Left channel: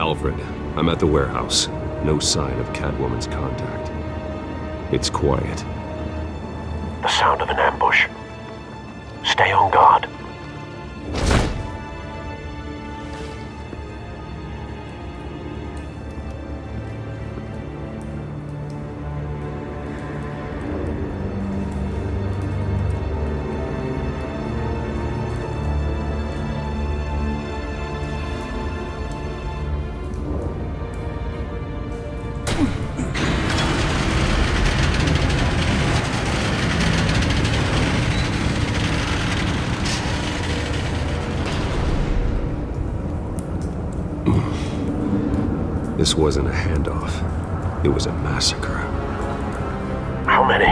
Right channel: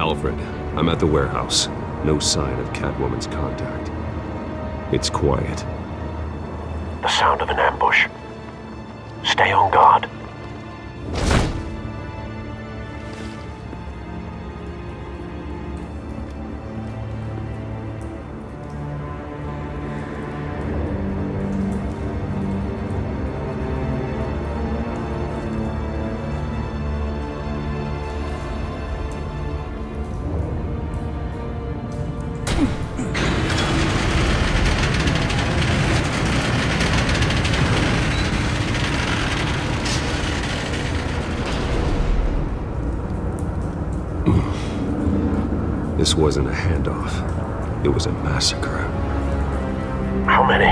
Alfred, I'm at the warehouse. No sign of Catwoman's contact. It's quiet. The sound of an ambush. Stay on guard. This wasn't a handoff. It was a massacre. How many?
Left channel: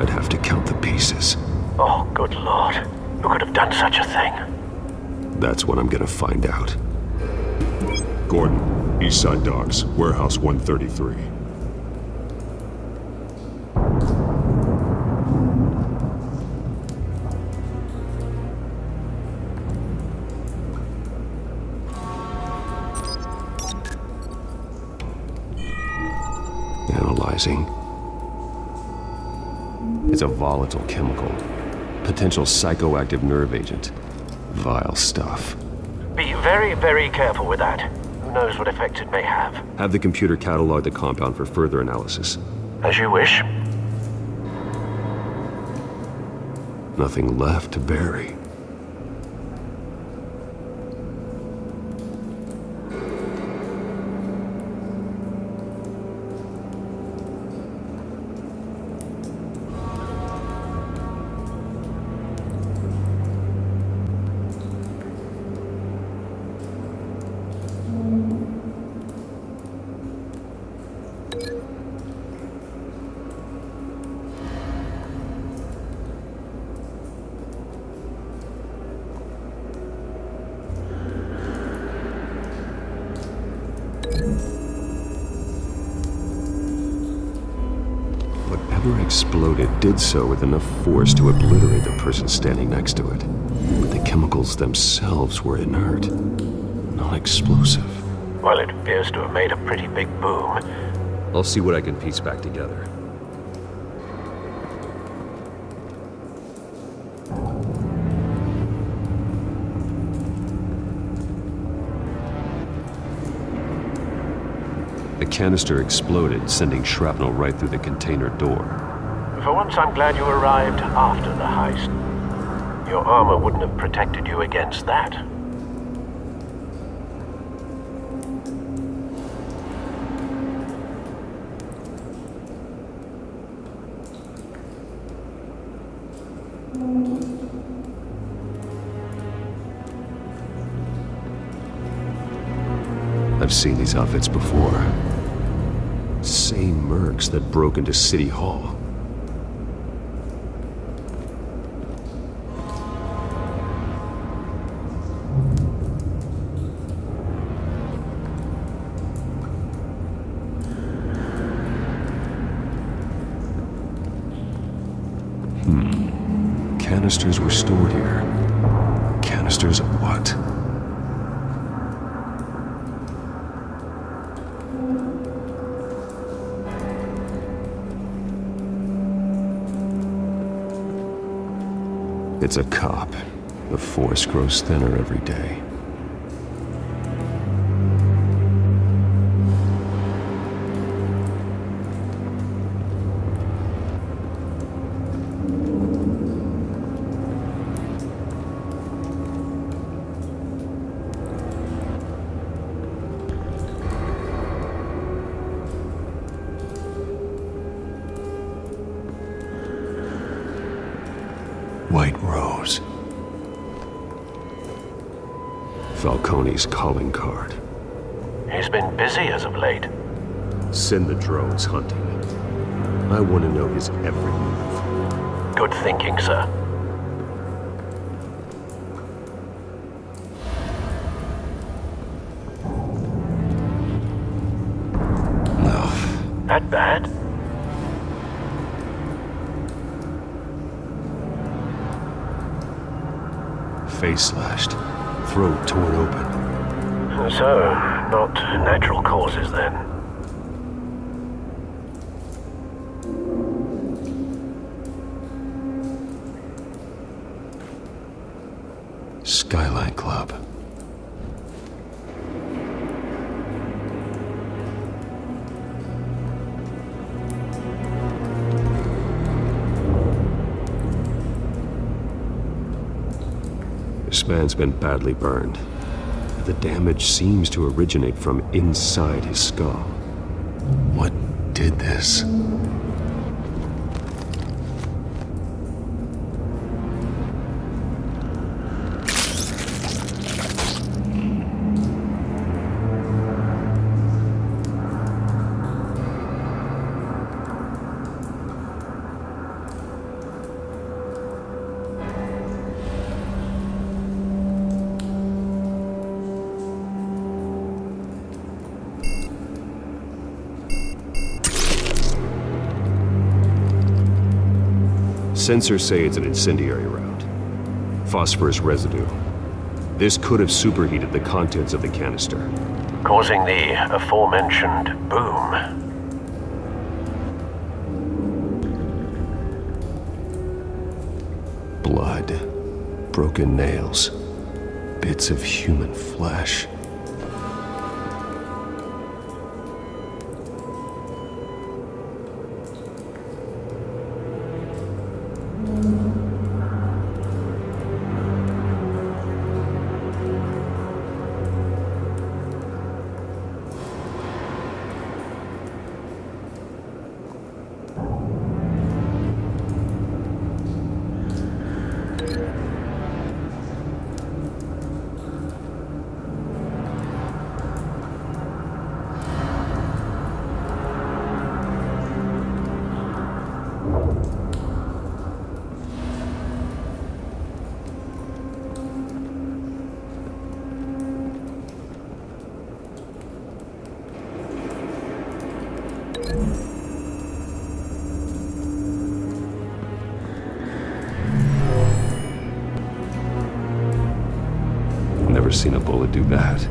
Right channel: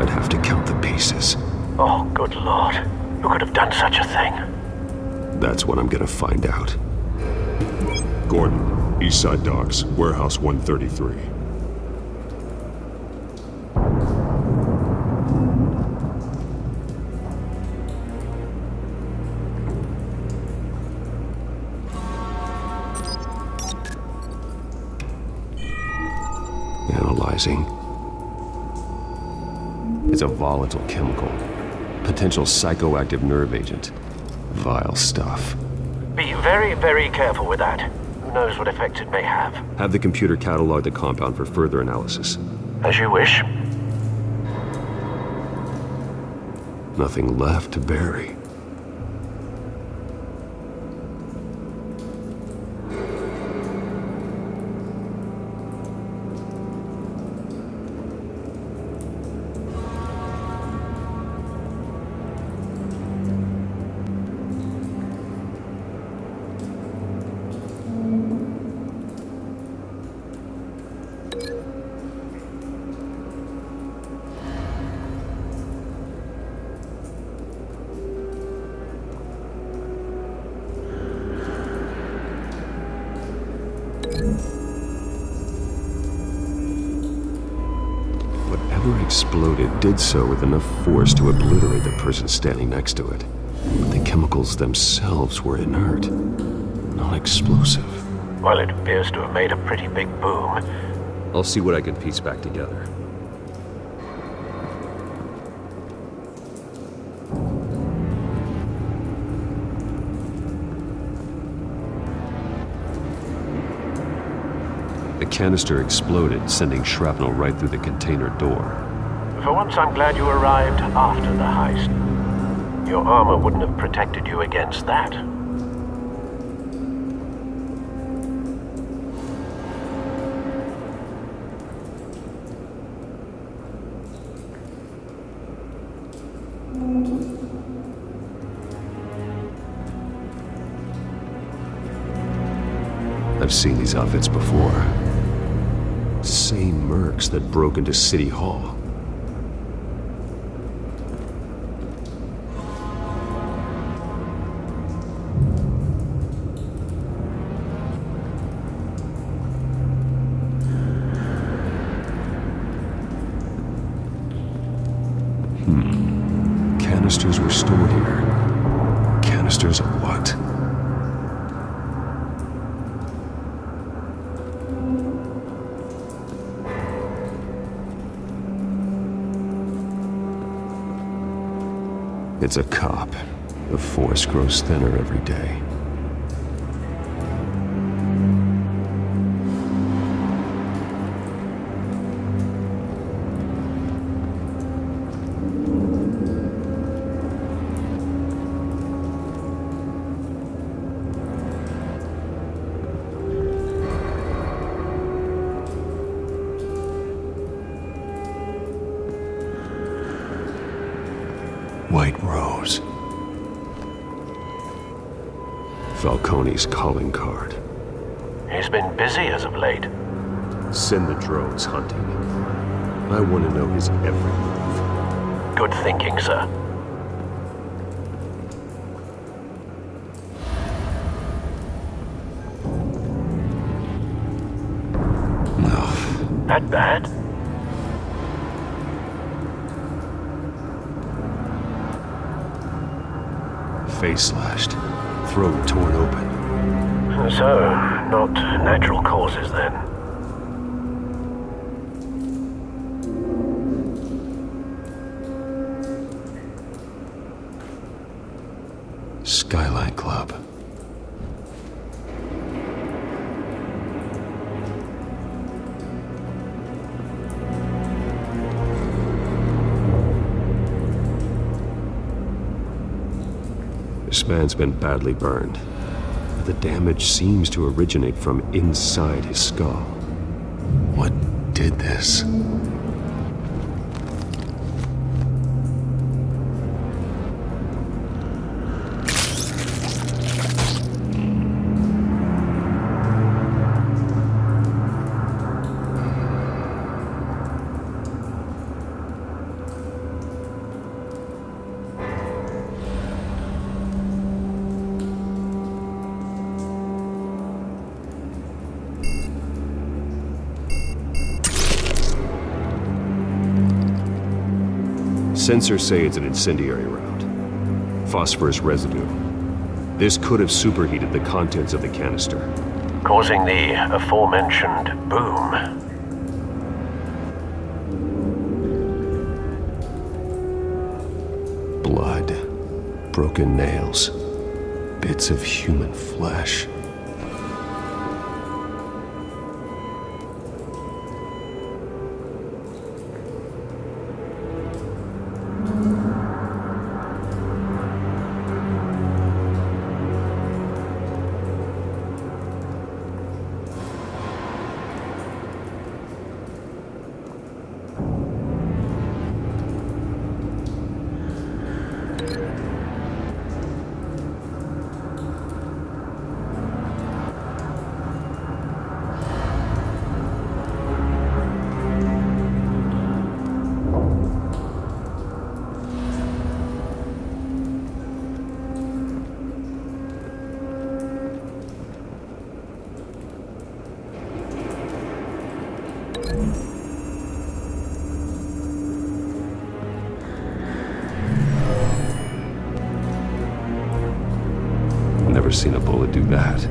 I'd have to count the pieces. Oh, good Lord. Who could have done such a thing? That's what I'm gonna find out. Gordon, Eastside Docks, Warehouse 133. Analyzing. It's a volatile chemical. Potential psychoactive nerve agent. Vile stuff. Be very, very careful with that. Who knows what effects it may have. Have the computer catalog the compound for further analysis. As you wish. Nothing left to bury. Whatever exploded did so with enough force to obliterate the person standing next to it. But the chemicals themselves were inert, not explosive. Well, it appears to have made a pretty big boom. I'll see what I can piece back together. The canister exploded, sending shrapnel right through the container door. For once, I'm glad you arrived after the heist. Your armor wouldn't have protected you against that. I've seen these outfits before. Same mercs that broke into City Hall. Canisters were stored here. Canisters of what? It's a cop. The force grows thinner every day. White Rose. Falcone's calling card. He's been busy as of late. Send the drones hunting. I want to know his every move. Good thinking, sir. No. That bad? Face slashed. throat torn open. So, not natural causes then. Skyline Club. This man's been badly burned. The damage seems to originate from inside his skull. What did this? Sensors say it's an incendiary round. Phosphorus residue. This could have superheated the contents of the canister, Causing the aforementioned boom. Blood, broken nails, bits of human flesh. Never seen a bullet do that.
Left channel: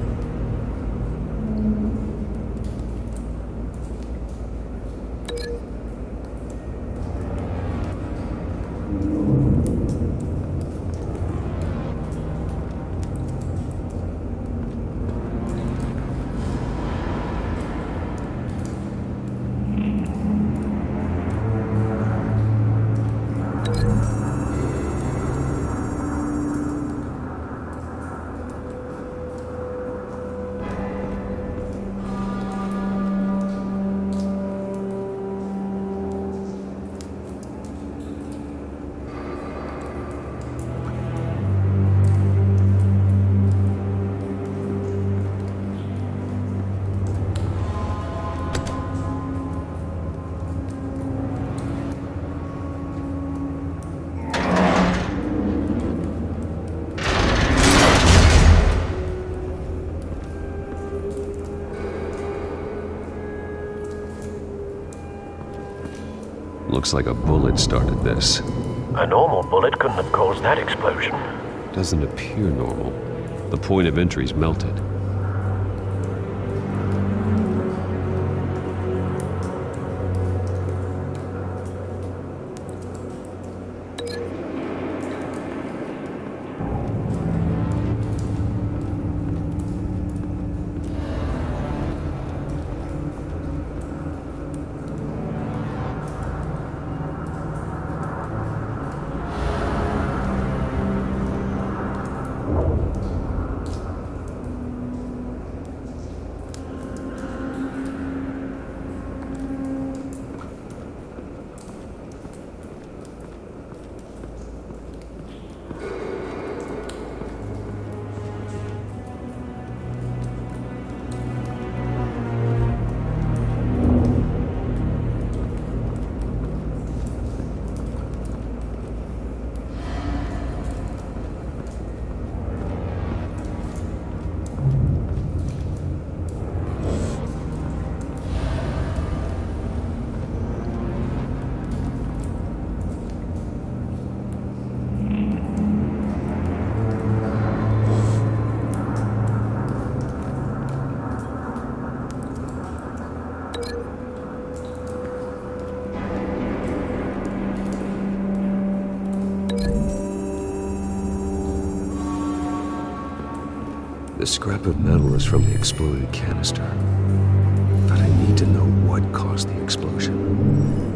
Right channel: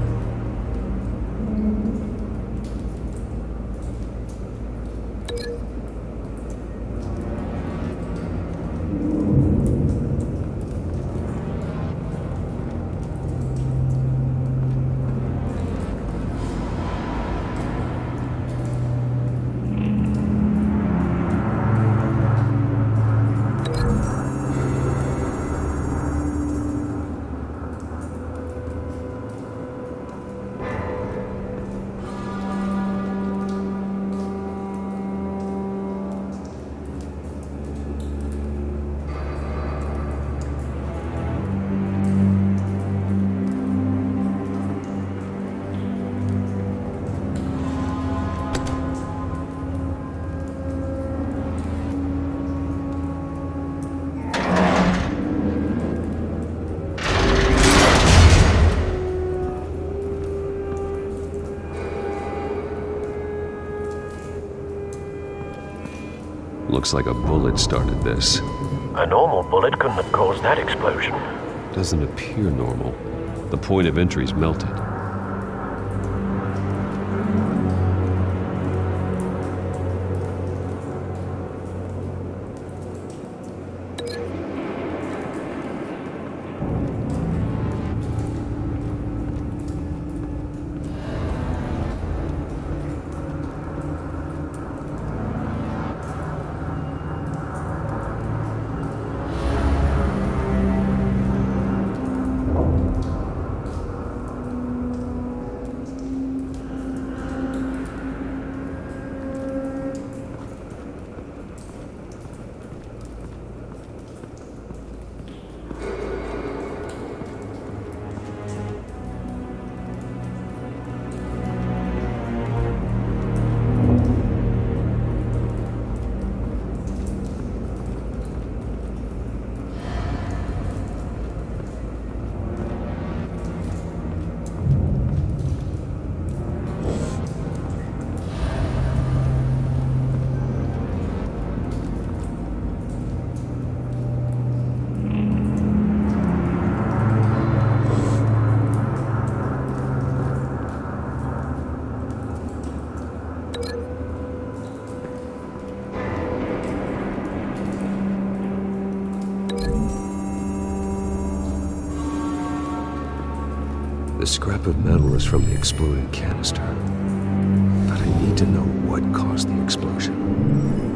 Looks like a bullet started this. A normal bullet couldn't have caused that explosion. Doesn't appear normal. The point of entry's melted. The scrap of metal is from the exploded canister. But I need to know what caused the explosion.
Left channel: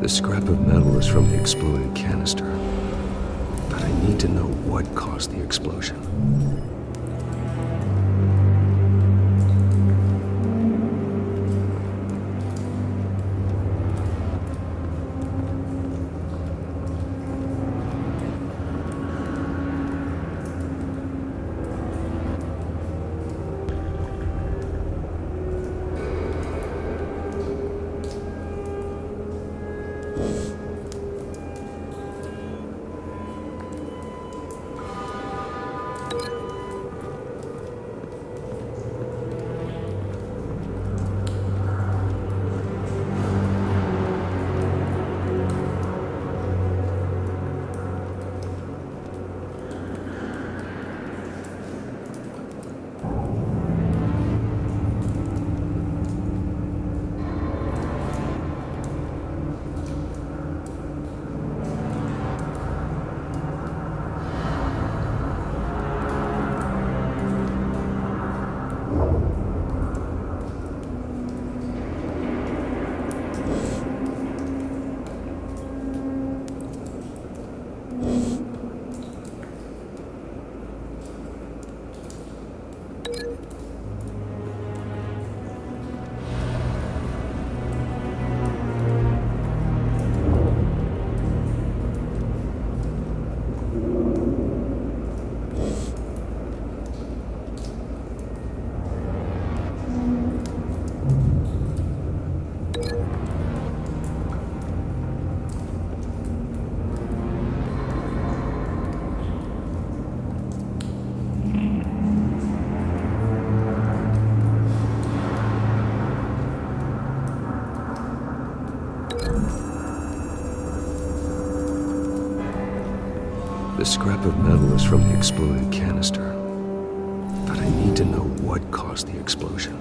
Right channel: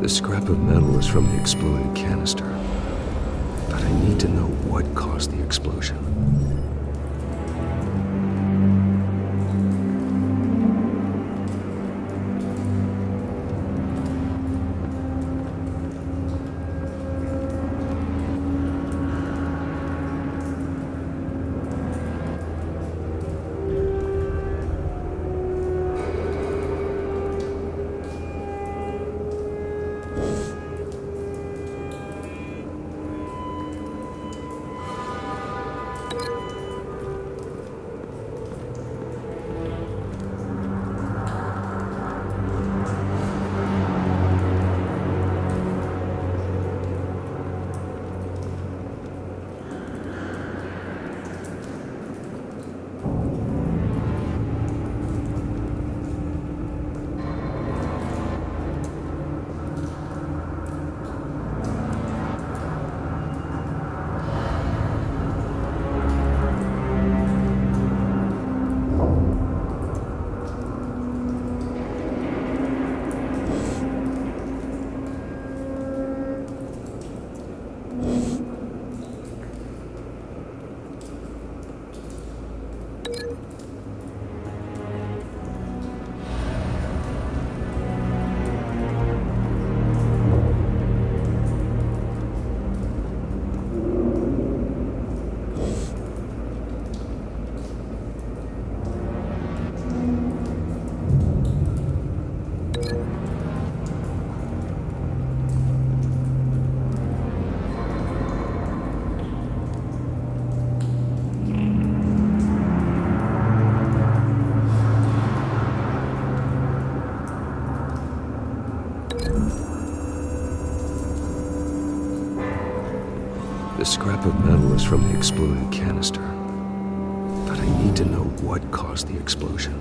The scrap of metal is from the exploded canister. But I need to know what caused the explosion. The scrap of metal is from the exploded canister. But I need to know what caused the explosion.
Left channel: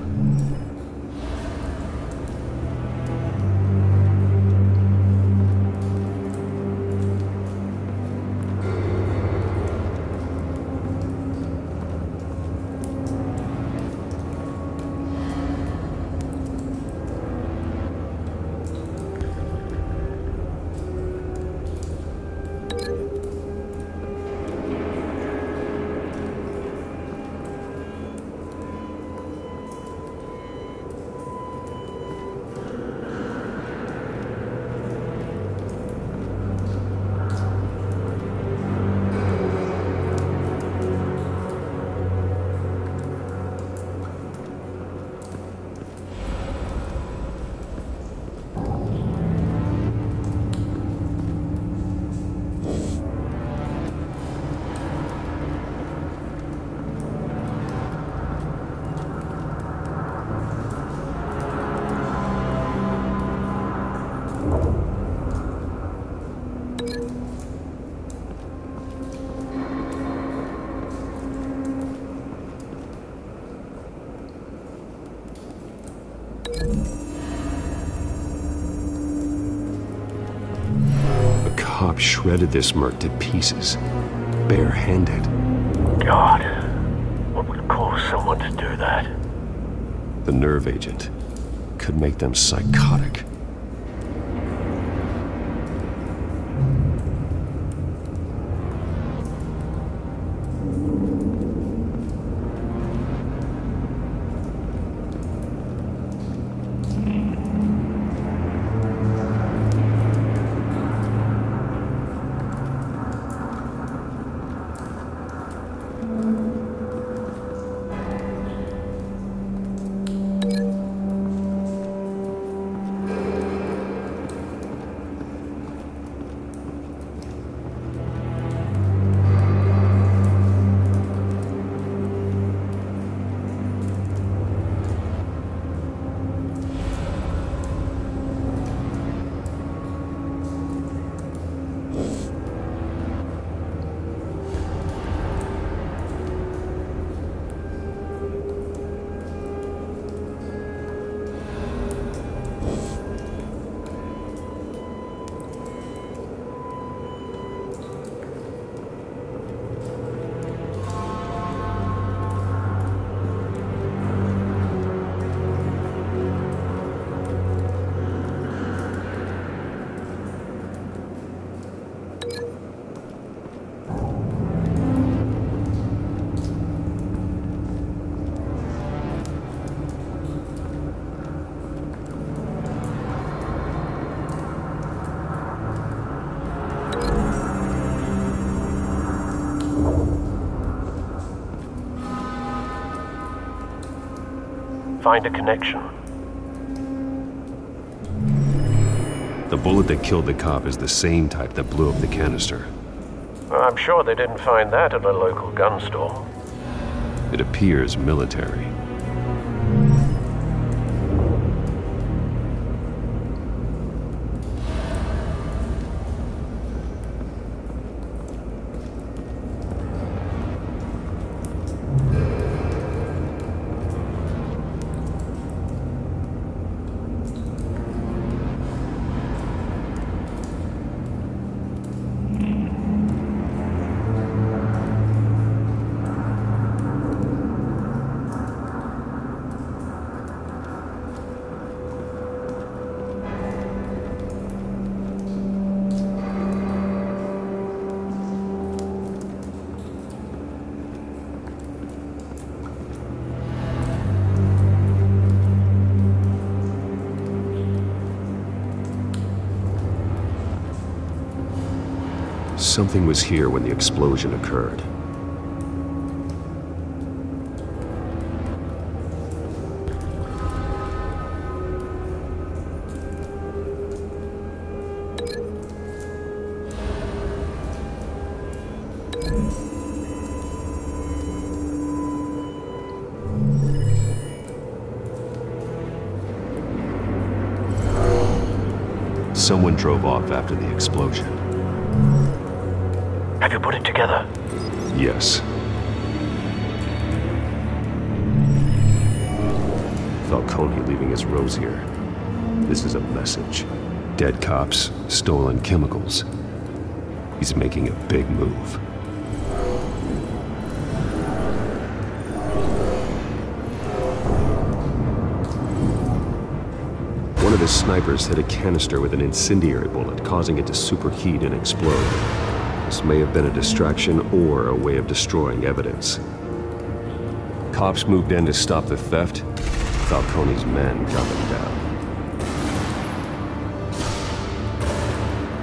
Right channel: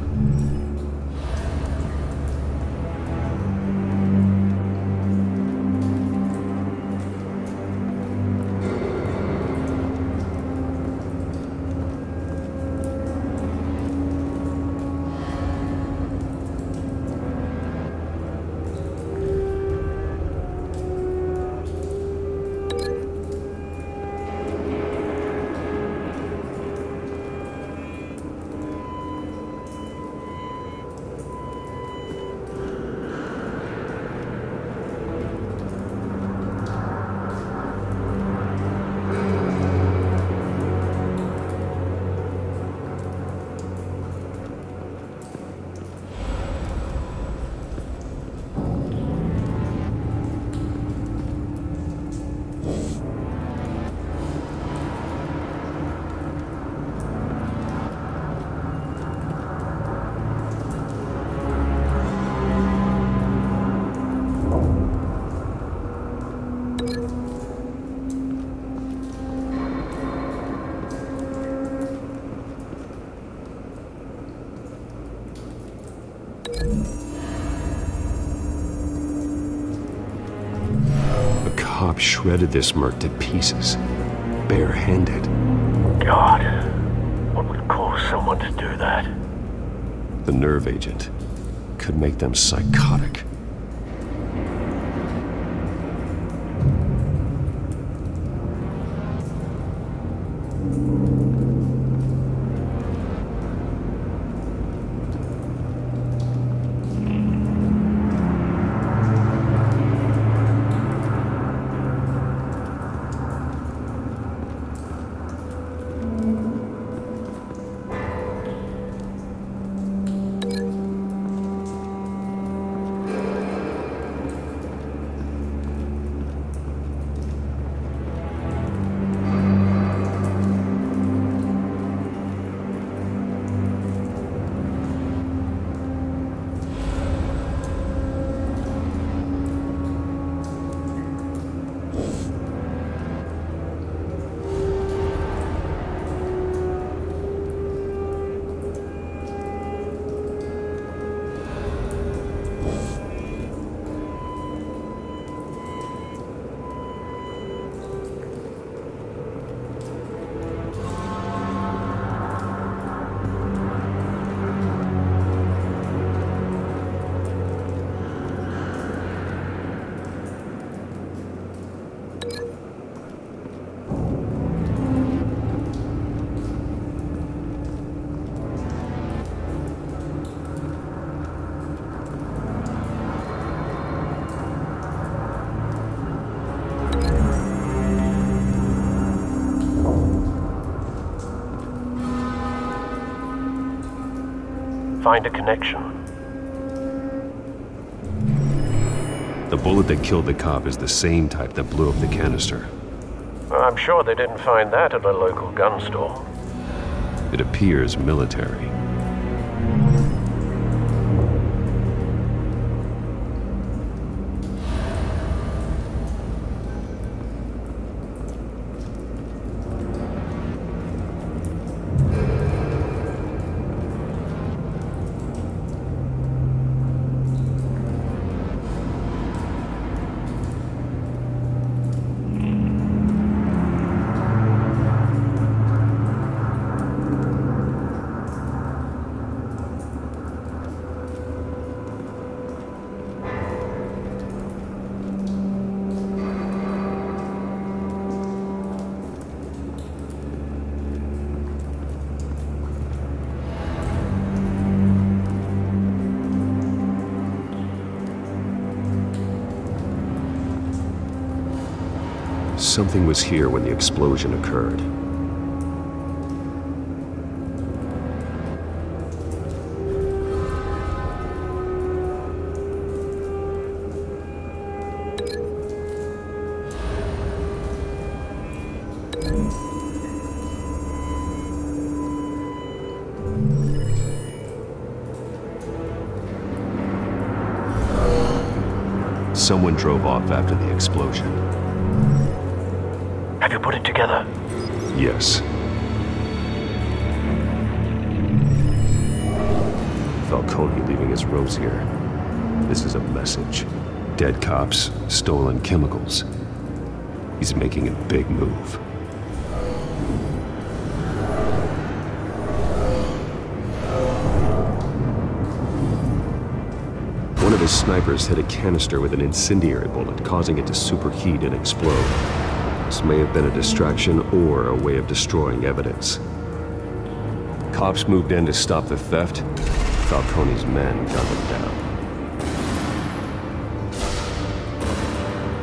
A cop shredded this merc to pieces, barehanded. God, what would cause someone to do that? The nerve agent could make them psychotic. Find a connection. The bullet that killed the cop is the same type that blew up the canister. Well, I'm sure they didn't find that at a local gun store. It appears military. Something was here when the explosion occurred. Someone drove off after the explosion. Have you put it together? Yes. Falcone leaving his rose here. This is a message. Dead cops, stolen chemicals. He's making a big move. One of his snipers hit a canister with an incendiary bullet, causing it to superheat and explode. This may have been a distraction or a way of destroying evidence. Cops moved in to stop the theft. Falcone's men gunned him down.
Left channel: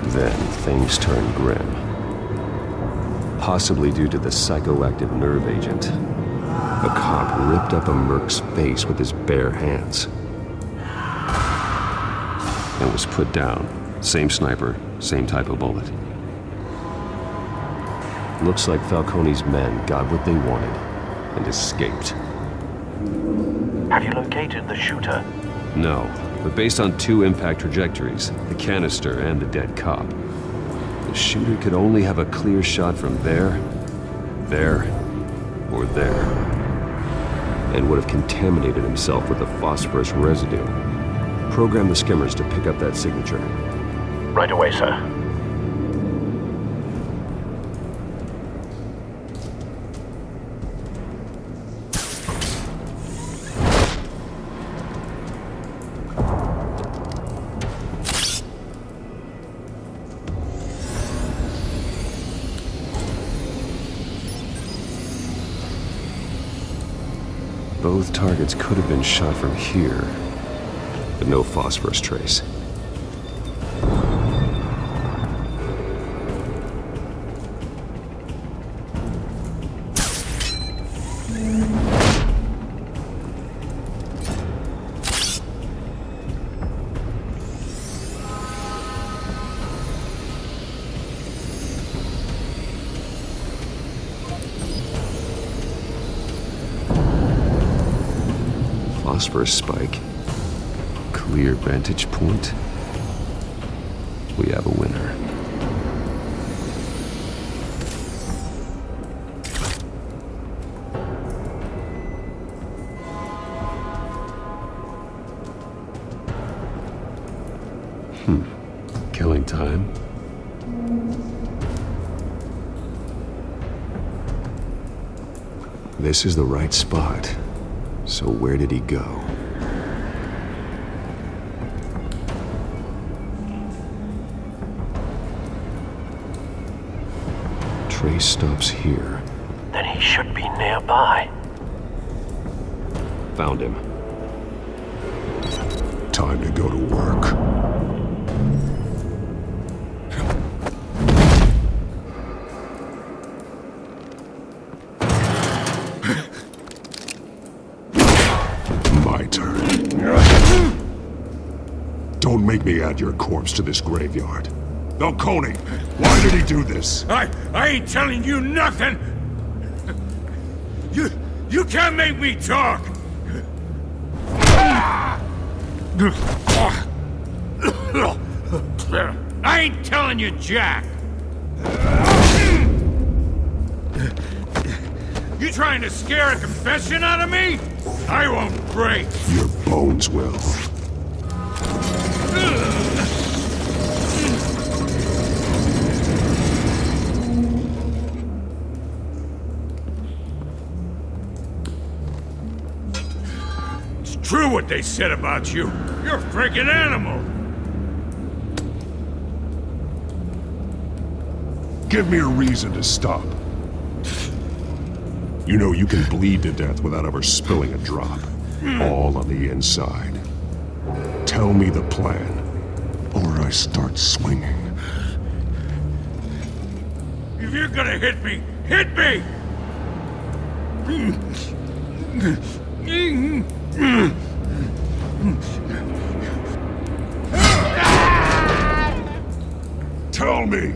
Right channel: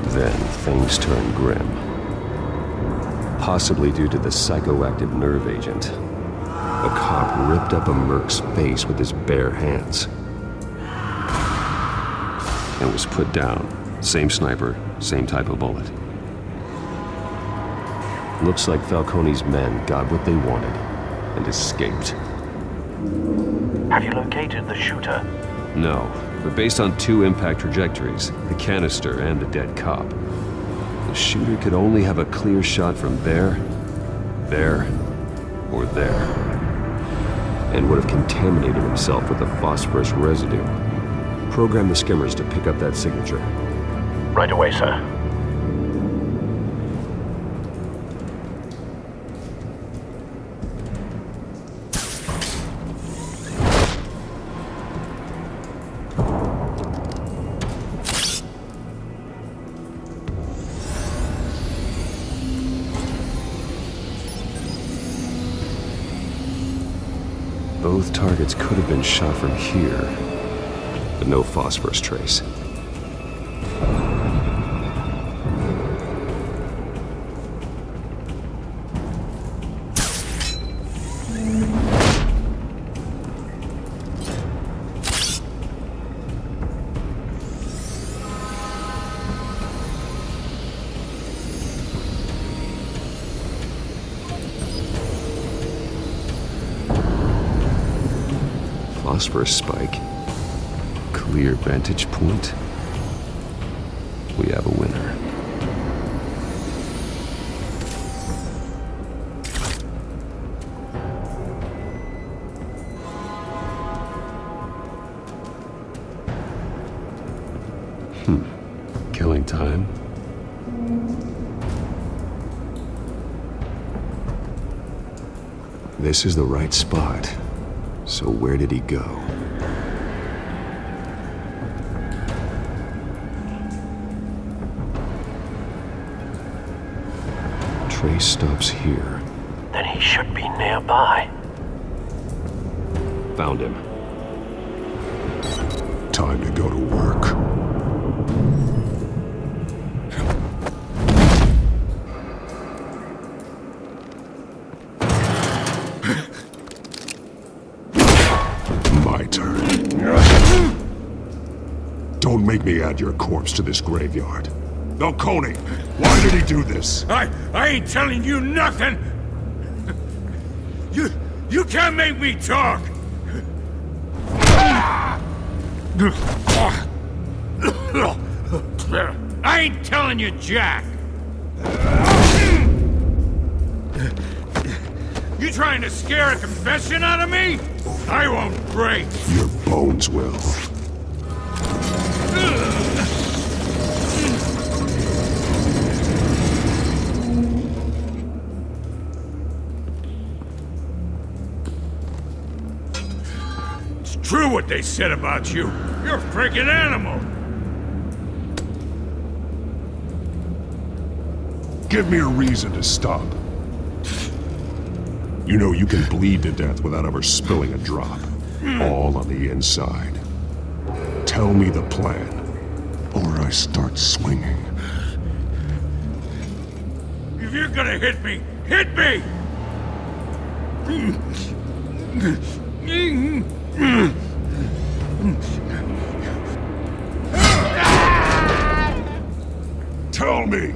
Then things turned grim. Possibly due to the psychoactive nerve agent. A cop ripped up a merc's face with his bare hands. And was put down. Same sniper, same type of bullet. Looks like Falcone's men got what they wanted and escaped. Have you located the shooter? No, but based on two impact trajectories, the canister and the dead cop, the shooter could only have a clear shot from there, or there, and would have contaminated himself with the phosphorus residue. Program the skimmers to pick up that signature. Right away, sir. Both targets could have been shot from here, but no phosphorus trace. Phosphorus spike. Clear vantage point. We have a winner. Killing time. This is the right spot. So where did he go? Trace stops here. Then he should be nearby. Found him. Time to go to work. My turn. Don't make me add your corpse to this graveyard. Falcone, why did he do this? I ain't telling you nothing! You can't make me talk! I ain't telling you jack! You trying to scare a confession out of me? I won't break! Your bones will. It's true what they said about you. You're a freaking animal! Give me a reason to stop. You know you can bleed to death without ever spilling a drop. All on the inside. Tell me the plan, or I start swinging. If you're gonna hit me, hit me! Tell me!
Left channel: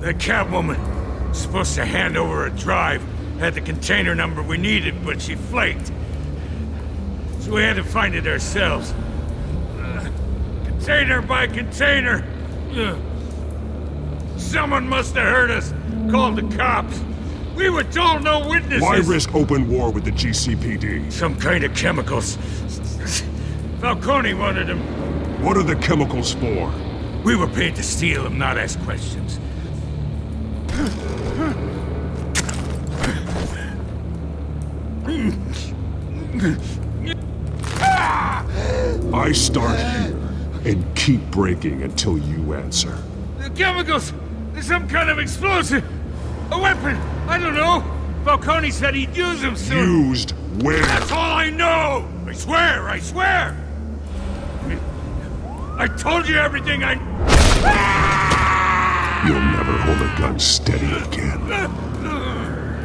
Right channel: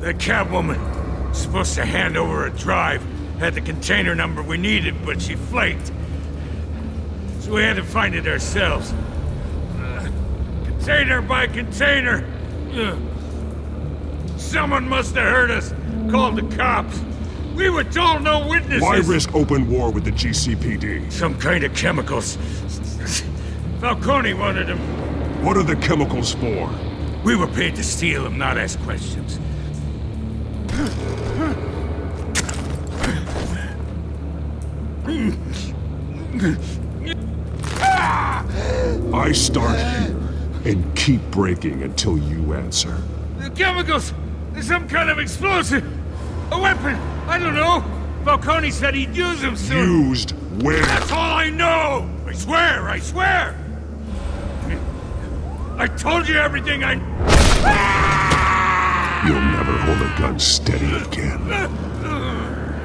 The Catwoman supposed to hand over a drive. Had the container number we needed, but she flaked. So we had to find it ourselves. Container by container. Someone must have heard us. Called the cops. We were told no witnesses. Why risk open war with the GCPD? Some kind of chemicals. Falcone wanted them. What are the chemicals for? We were paid to steal them, not ask questions. I start here and keep breaking until you answer. The chemicals! There's some kind of explosive! A weapon! I don't know! Falcone said he'd use them soon! Used where? That's all I know! I swear! I swear! I told you everything I... You'll never hold a gun steady again.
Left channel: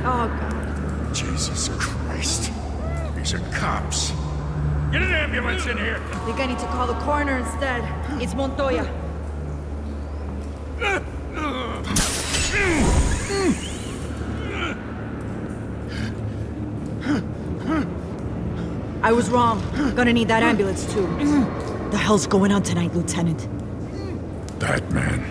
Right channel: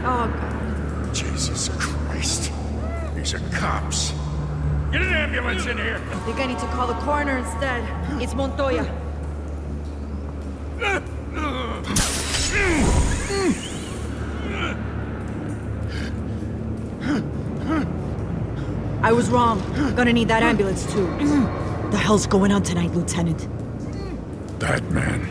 Oh, God. Jesus Christ. These are cops. Get an ambulance in here! I think I need to call the coroner instead. It's Montoya. I was wrong. Gonna need that ambulance too. The hell's going on tonight, Lieutenant? That man.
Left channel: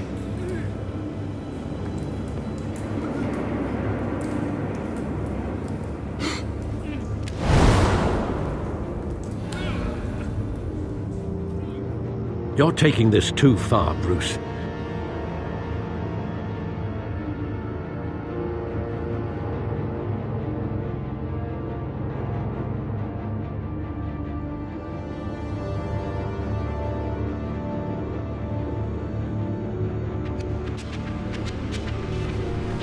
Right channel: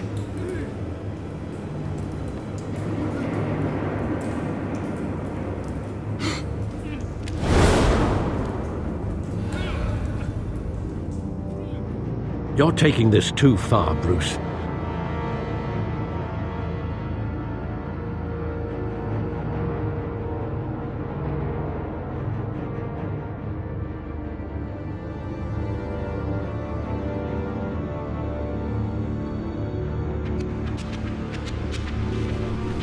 You're taking this too far, Bruce.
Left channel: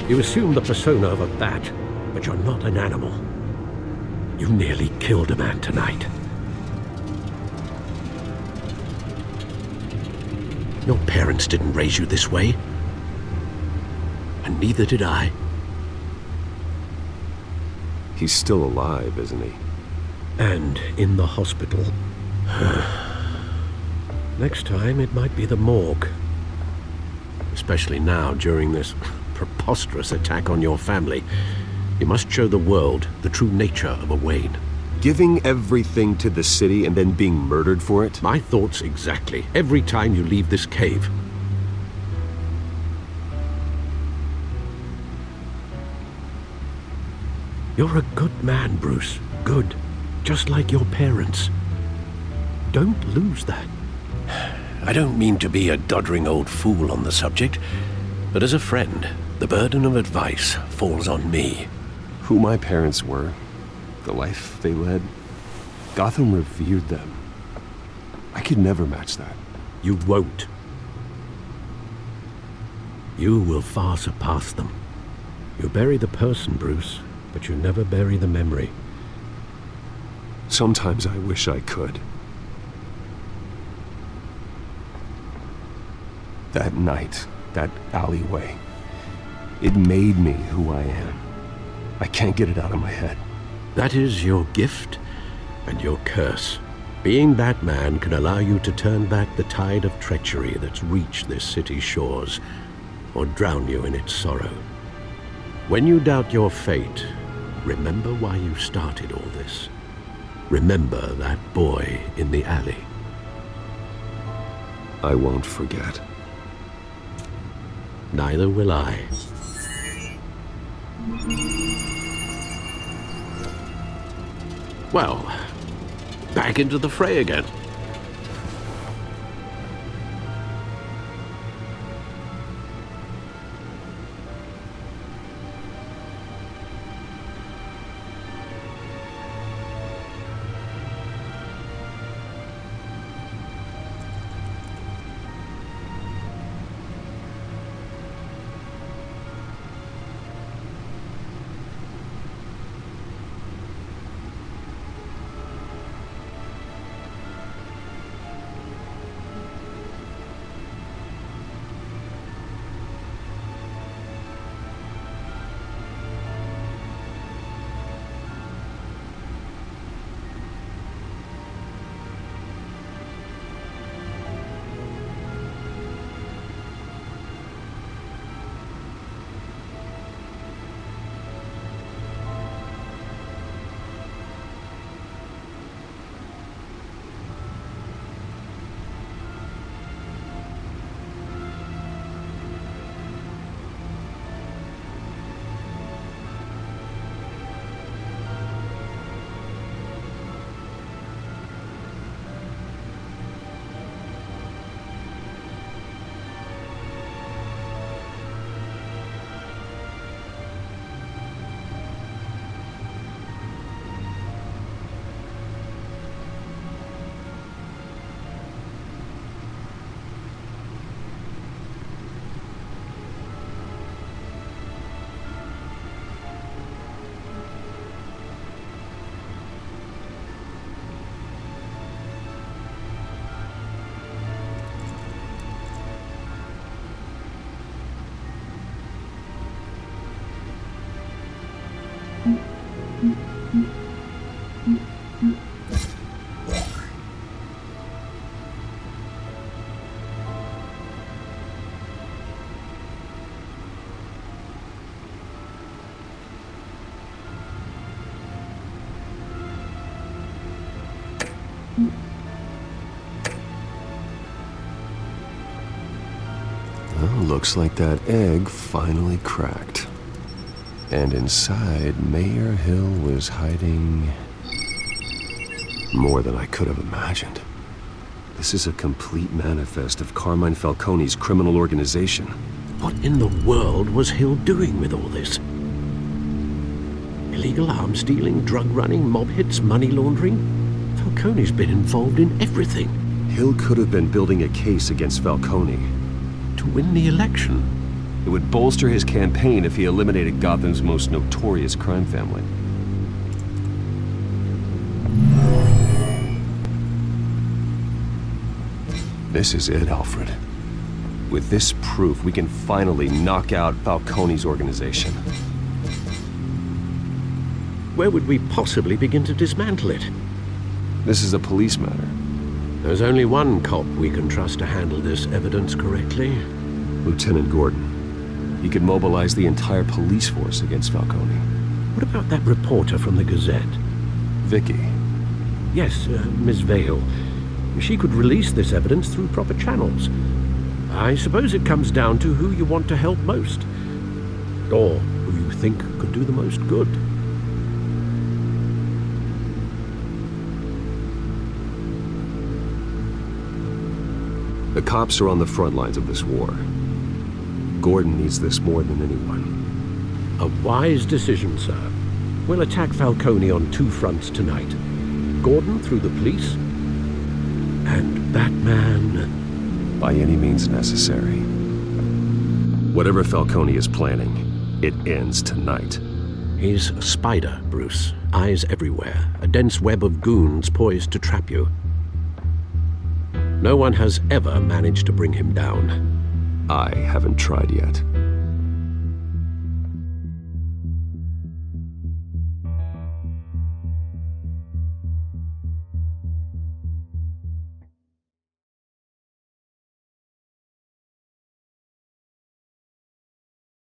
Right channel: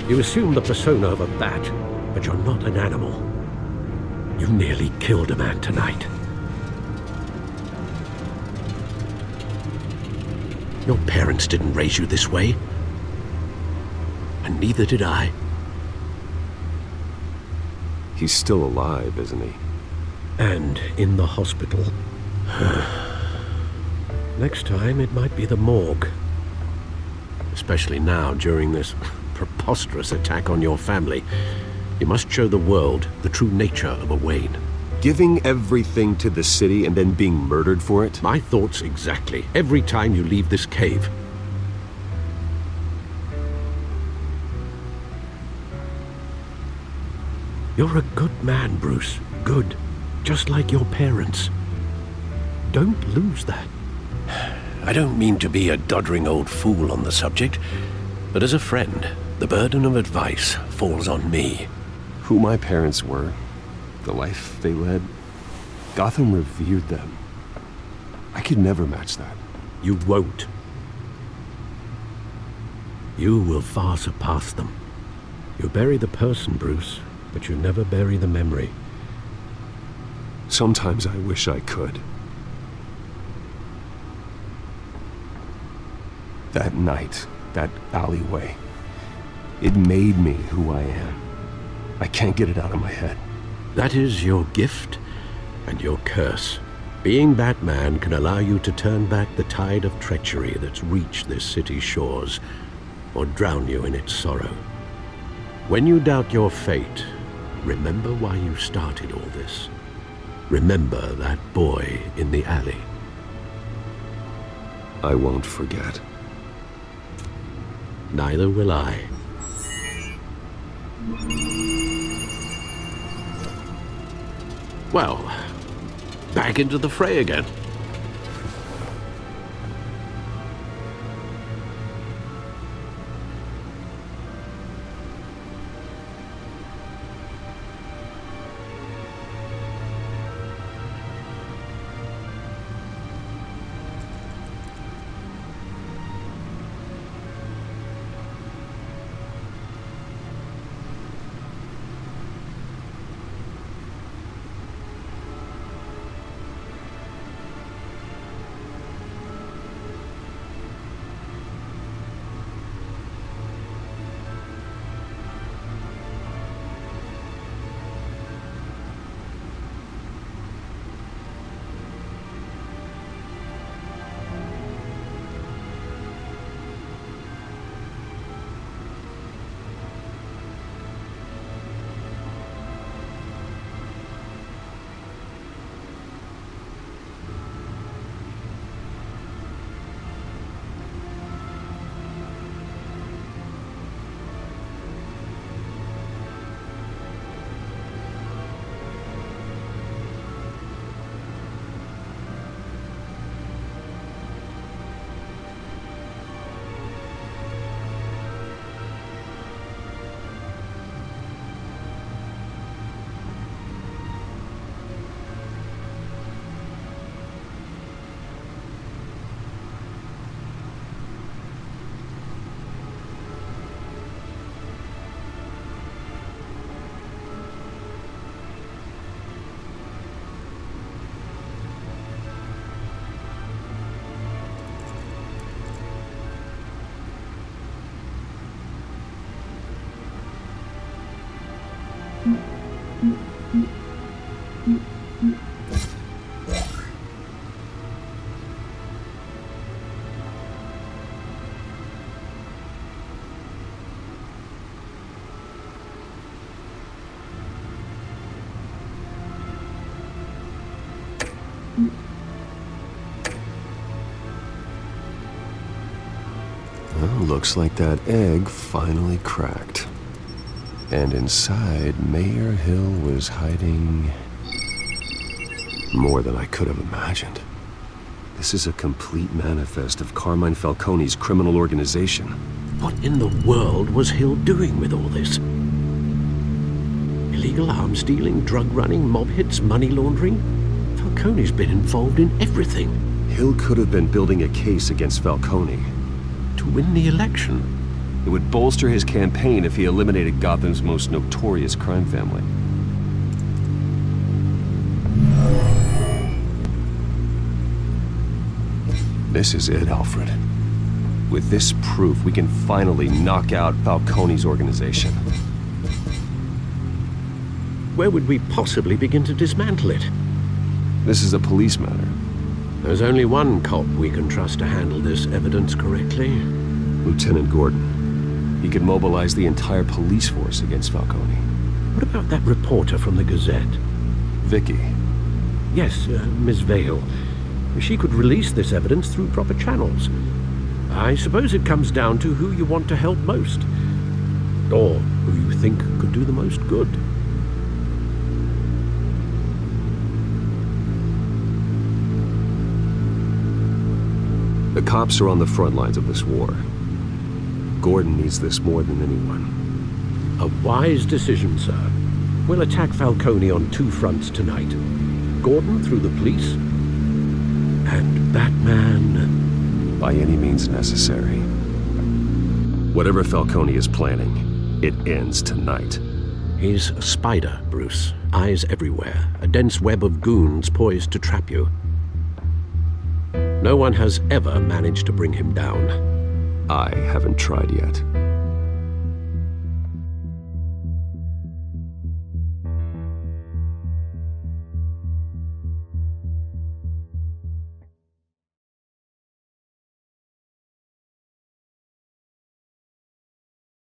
You assume the persona of a bat, but you're not an animal. You nearly killed a man tonight. Your parents didn't raise you this way. And neither did I. He's still alive, isn't he? And in the hospital. Next time, it might be the morgue. Especially now, during this preposterous attack on your family. You must show the world the true nature of a Wayne. Giving everything to the city and then being murdered for it? My thoughts exactly. Every time you leave this cave. You're a good man, Bruce. Good. Just like your parents. Don't lose that. I don't mean to be a doddering old fool on the subject, but as a friend, the burden of advice falls on me. Who my parents were, the life they led, Gotham revered them. I could never match that. You won't. You will far surpass them. You bury the person, Bruce, but you never bury the memory. Sometimes I wish I could. That night, that alleyway, it made me who I am. I can't get it out of my head. That is your gift and your curse. Being Batman can allow you to turn back the tide of treachery that's reached this city's shores, or drown you in its sorrow. When you doubt your fate, remember why you started all this. Remember that boy in the alley. I won't forget. Neither will I. Well, back into the fray again. Well, looks like that egg finally cracked. And inside, Mayor Hill was hiding more than I could have imagined. This is a complete manifest of Carmine Falcone's criminal organization. What in the world was Hill doing with all this? Illegal arms dealing, drug running, mob hits, money laundering? Falcone's been involved in everything. Hill could have been building a case against Falcone. To win the election. It would bolster his campaign if he eliminated Gotham's most notorious crime family. This is it, Alfred. With this proof, we can finally knock out Falcone's organization. Where would we possibly begin to dismantle it? This is a police matter. There's only one cop we can trust to handle this evidence correctly. Lieutenant Gordon. He could mobilize the entire police force against Falcone. What about that reporter from the Gazette? Vicky. Yes, Miss Vale. She could release this evidence through proper channels. I suppose it comes down to who you want to help most. Or who you think could do the most good. The cops are on the front lines of this war. Gordon needs this more than anyone. A wise decision, sir. We'll attack Falcone on two fronts tonight. Gordon through the police, and Batman... by any means necessary. Whatever Falcone is planning, it ends tonight. He's a spider, Bruce. Eyes everywhere. A dense web of goons poised to trap you. No one has ever managed to bring him down. I haven't tried yet.